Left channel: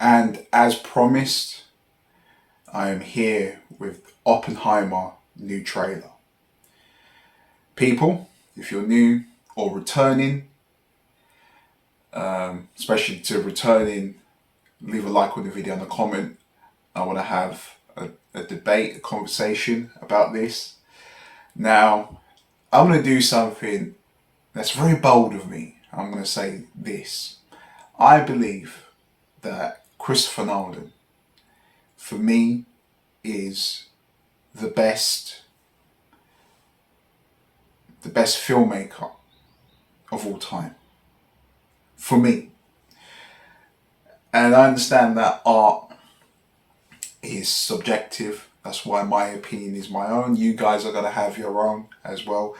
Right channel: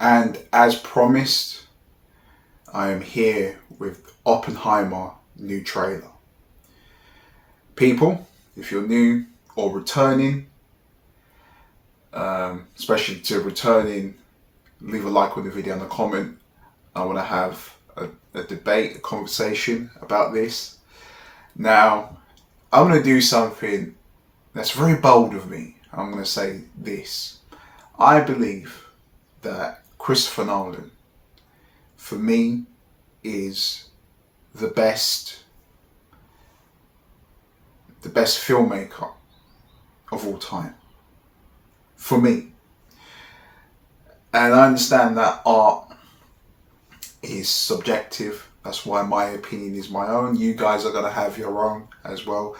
And as promised, I am here with Oppenheimer new trailer. People, if you're new or returning, especially to returning, leave a like on the video and a comment. I want to have a debate, a conversation about this. Now, I'm going to do something that's very bold of me. I'm going to say this. I believe that Christopher Nolan, for me, is the best filmmaker of all time. For me. And I understand that art is subjective. That's why my opinion is my own. You guys are going to have your own as well.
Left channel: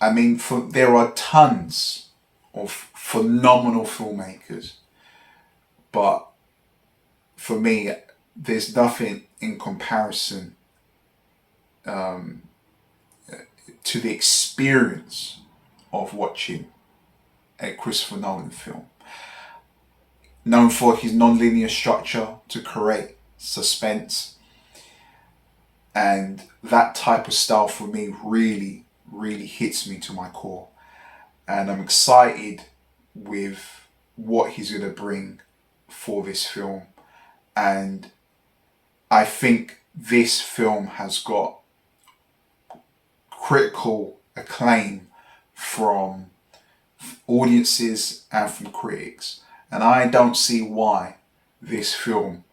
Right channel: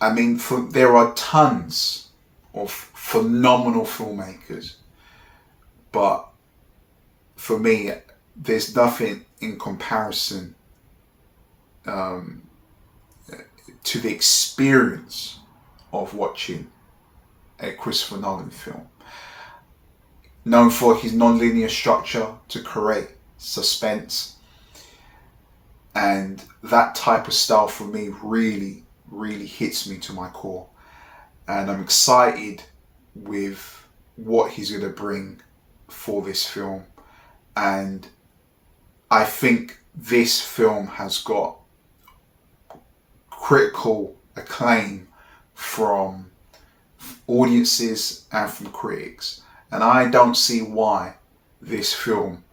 I mean, there are tons of phenomenal filmmakers. But for me, there's nothing in comparison to the experience of watching a Christopher Nolan film. Known for his non-linear structure to create suspense. And that type of style for me really, really hits me to my core. And I'm excited with what he's going to bring for this film. And I think this film has got critical acclaim from audiences and from critics. And I don't see why this film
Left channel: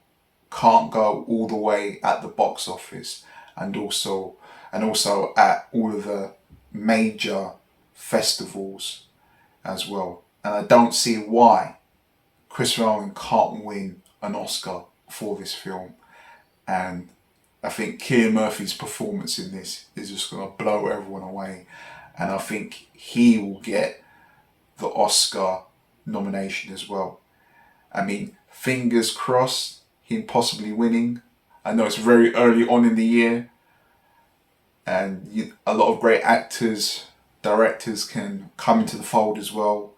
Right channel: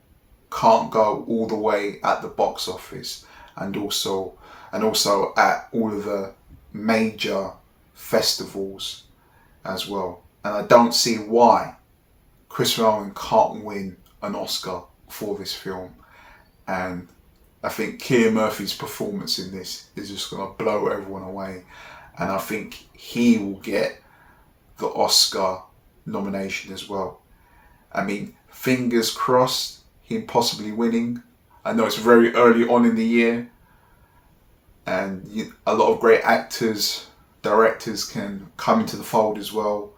can't go all the way at the box office and also at all of the major festivals as well. And I don't see why Christopher Nolan can't win an Oscar for this film. And I think Cillian Murphy's performance in this is just going to blow everyone away. And I think he will get the Oscar nomination as well. I mean, fingers crossed, him possibly winning. I know it's very early on in the year. And a lot of great actors, directors can come into the fold as well.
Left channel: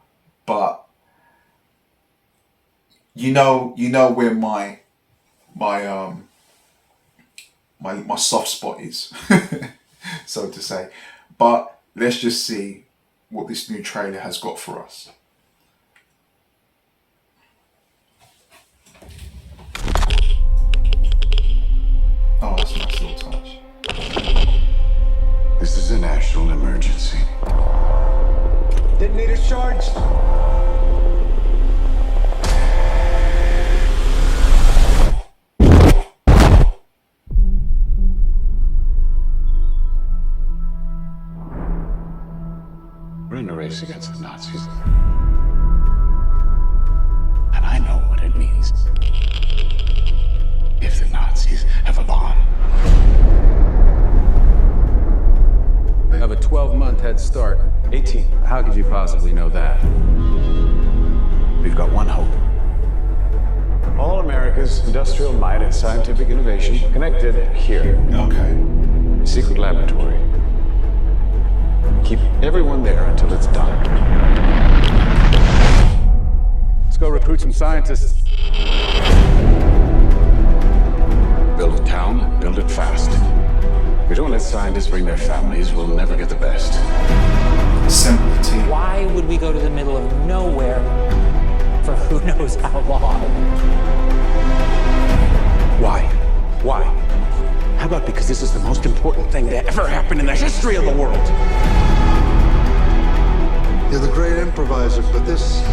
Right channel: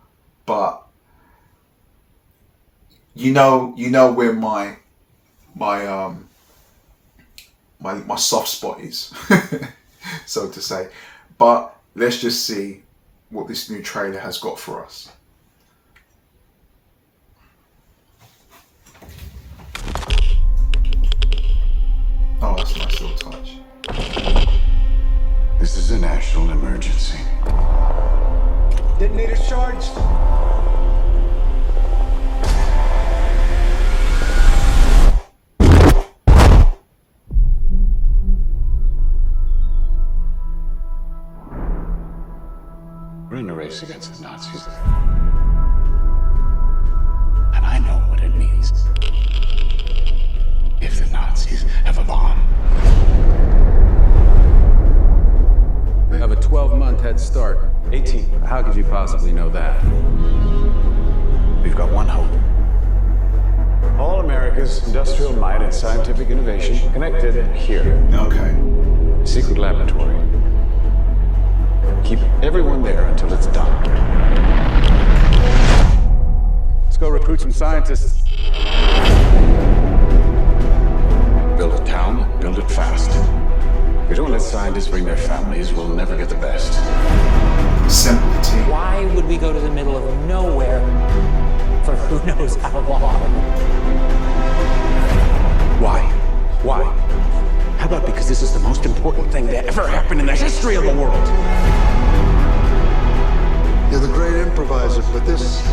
But you know where my soft spot is, so to say. But let's just see what this new trailer has got for us. Oh, that's a nice little touch. This is a national emergency. Detonators charged. We're in a race against the Nazis. And I know what it means if the Nazis have a bomb. We have a 12-month head start. 18. How could you possibly know that? We've got one hope. All America's industrial might and scientific innovation connected here. Okay. A secret laboratory. Keep everyone there until it's done. Let's go recruit some scientists. Build a town, build it fast. If we don't let scientists bring their families, we'll never get the best. Simplicity. Why would we go to the middle of nowhere for who knows how long? Why? Why? How about because this is the most important thing that ever happened in the history of the world? You're the great improviser, but this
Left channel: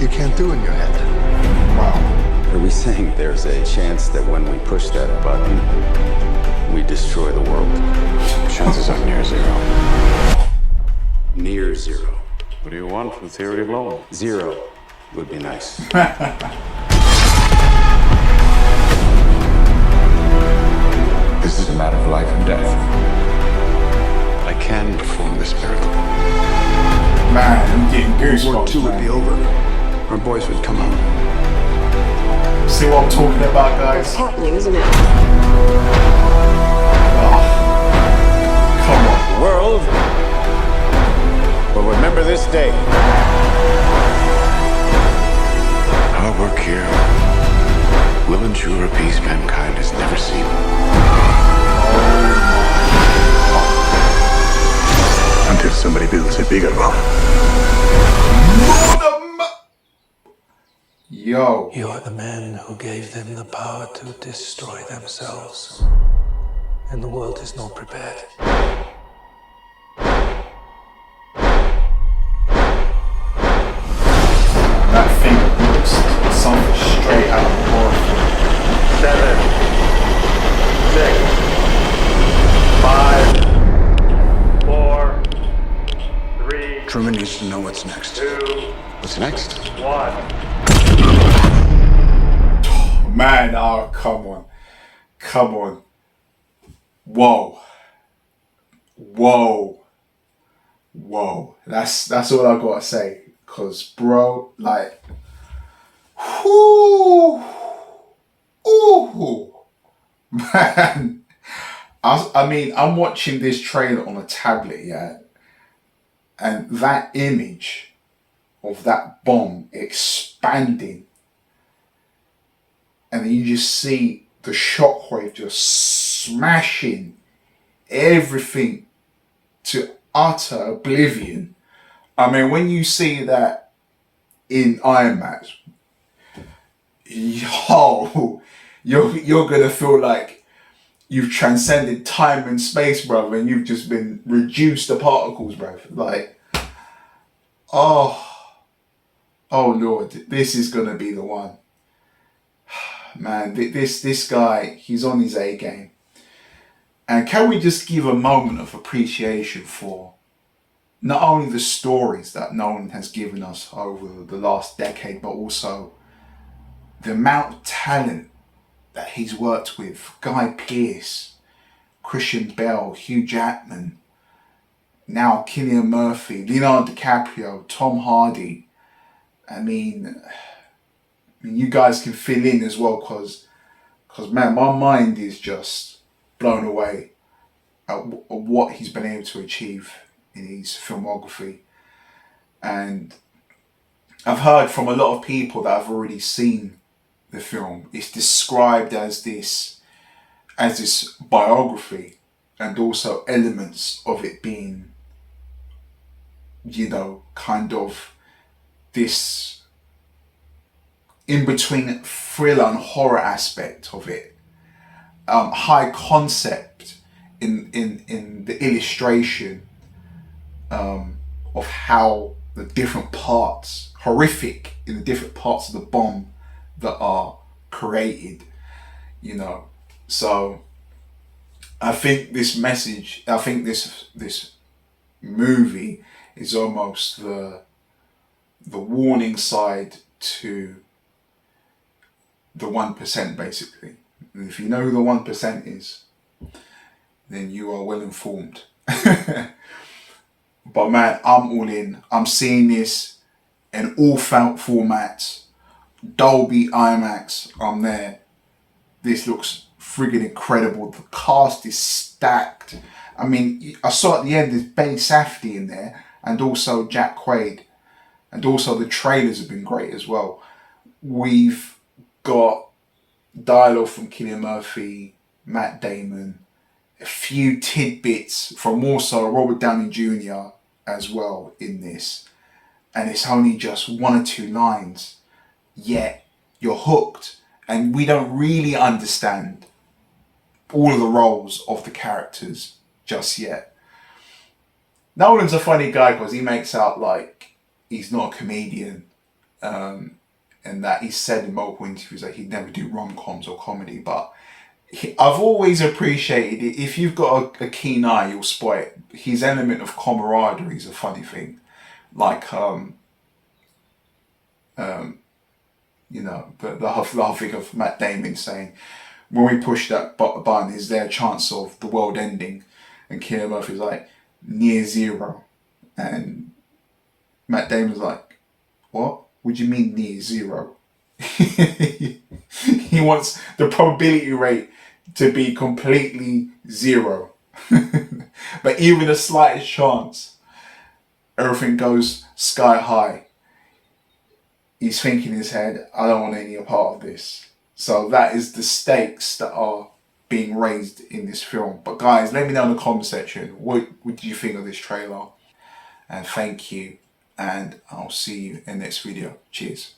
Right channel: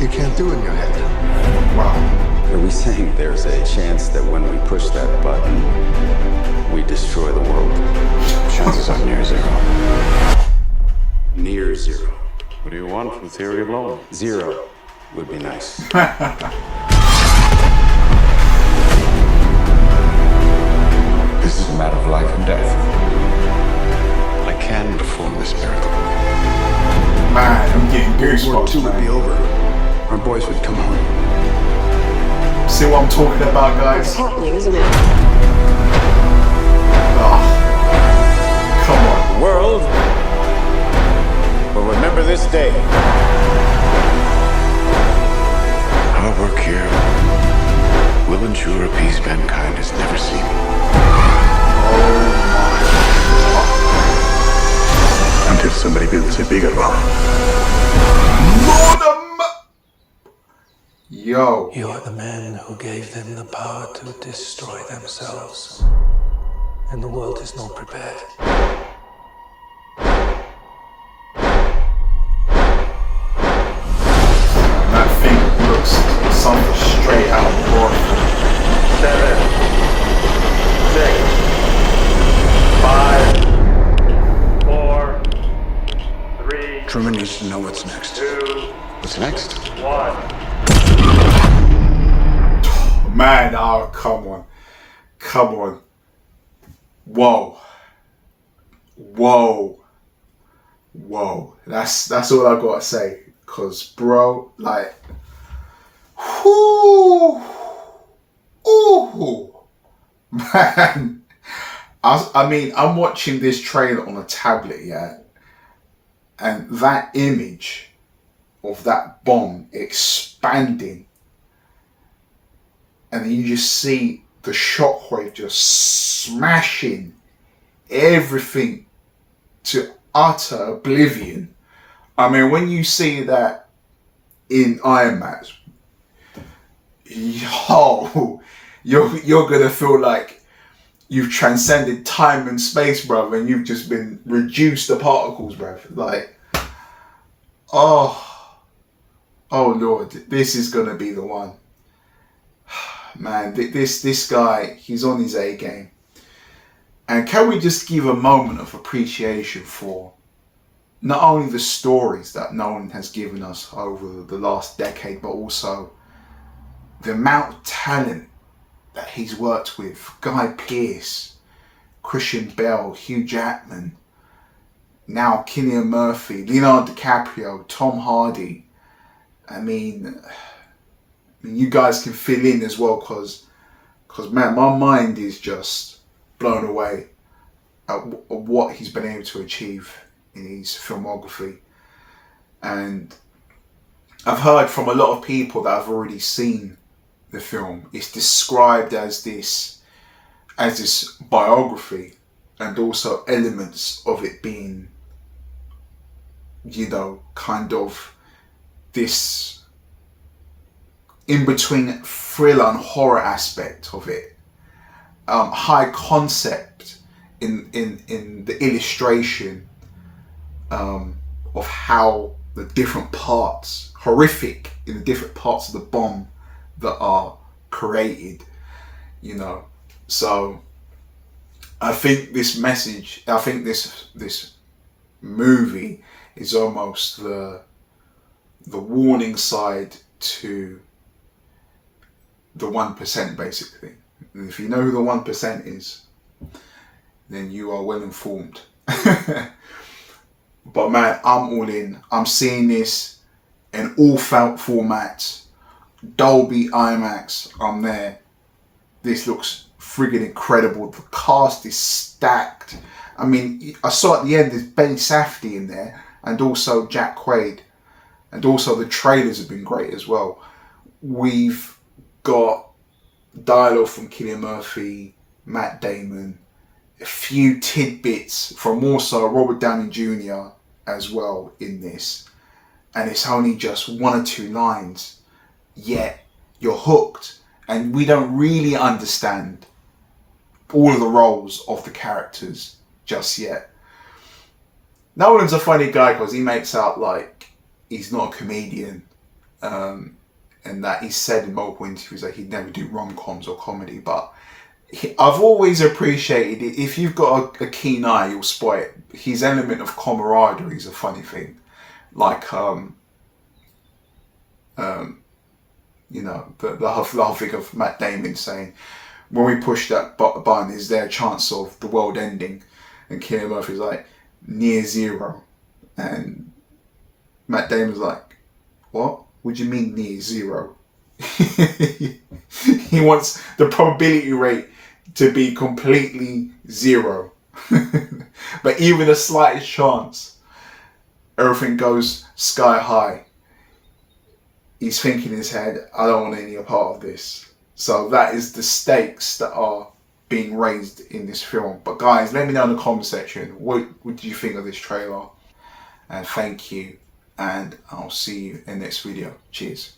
you can't do in your head. Wow. Are we saying there's a chance that when we push that button, we destroy the world? Chances are near zero. Near zero. What do you want from theory alone? Zero would be nice. This is a matter of life and death. But I can perform this miracle. Man, I'm getting World goosebumps, War II would man. be over. Our boys would come home. See what I'm talking about, guys? It's happening, isn't it? Oh. Come on. The world will remember this day Our work here will ensure a peace mankind has never seen. Until somebody builds a bigger one. Yo. You're the man who gave them the power to destroy themselves. And the world is not prepared. That thing looks something straight out of horror. 7, 6, 5, 4, 3, Truman needs to know what's next. 2, What's next? 1. Man, oh, come on. Come on. Whoa. Whoa. Whoa. That's all I gotta say. Cause bro, like, whoo, ooh, man. I mean, I'm watching this trailer on a tablet, yeah, and that image of that bomb expanding, and then you just see the shockwave just smashing everything to utter oblivion. I mean, when you see that in IMAX, yo, you're gonna feel like you've transcended time and space, bruv, and you've just been reduced to particles, bruv. Like, oh Lord, this is gonna be the one. Man, this guy, he's on his A game. And can we just give a moment of appreciation for not only the stories that Nolan has given us over the last decade, but also the amount of talent that he's worked with. Guy Pearce, Christian Bale, Hugh Jackman, now Cillian Murphy, Leonardo DiCaprio, Tom Hardy. I mean, you guys can fill in as well, because man, my mind is just blown away at what he's been able to achieve in his filmography. And I've heard from a lot of people that have already seen the film, it's described as this biography, and also elements of it being, you know, kind of this in between thriller and horror aspect of it. High concept in the illustration of how the different parts, horrific in the different parts of the bomb that are created, you know. So I think this message, I think this movie is almost the warning side to the 1%, basically. And if you know who the 1% is, then you are well informed. But man, I'm all in. I'm seeing this in all formats. Dolby, IMAX, I'm there. This looks friggin' incredible. The cast is stacked. I mean, I saw at the end there's Ben Safdie in there, and also Jack Quaid. And also the trailers have been great as well. We've got dialogue from Cillian Murphy, Matt Damon, a few tidbits from also Robert Downey Jr. as well in this. And it's only just one or two lines, yet you're hooked. And we don't really understand all of the roles of the characters just yet. Nolan's a funny guy because he makes out like he's not a comedian. And that he said in multiple interviews that he'd never do rom-coms or comedy, but I've always appreciated it. If you've got a keen eye, you'll spot it. His element of camaraderie is a funny thing. Like, you know, the whole thing of Matt Damon saying, when we push that button, is there a chance of the world ending? And Cillian Murphy's like, near zero. And Matt Damon's like, what? What do you mean near zero? He wants the probability rate to be completely zero. But even the slightest chance, everything goes sky high. he's thinking in his head, I don't want any part of this. So that is the stakes that are being raised in this film. But guys, let me know in the comment section, what do you think of this trailer? And thank you, and I'll see you in the next video. Cheers.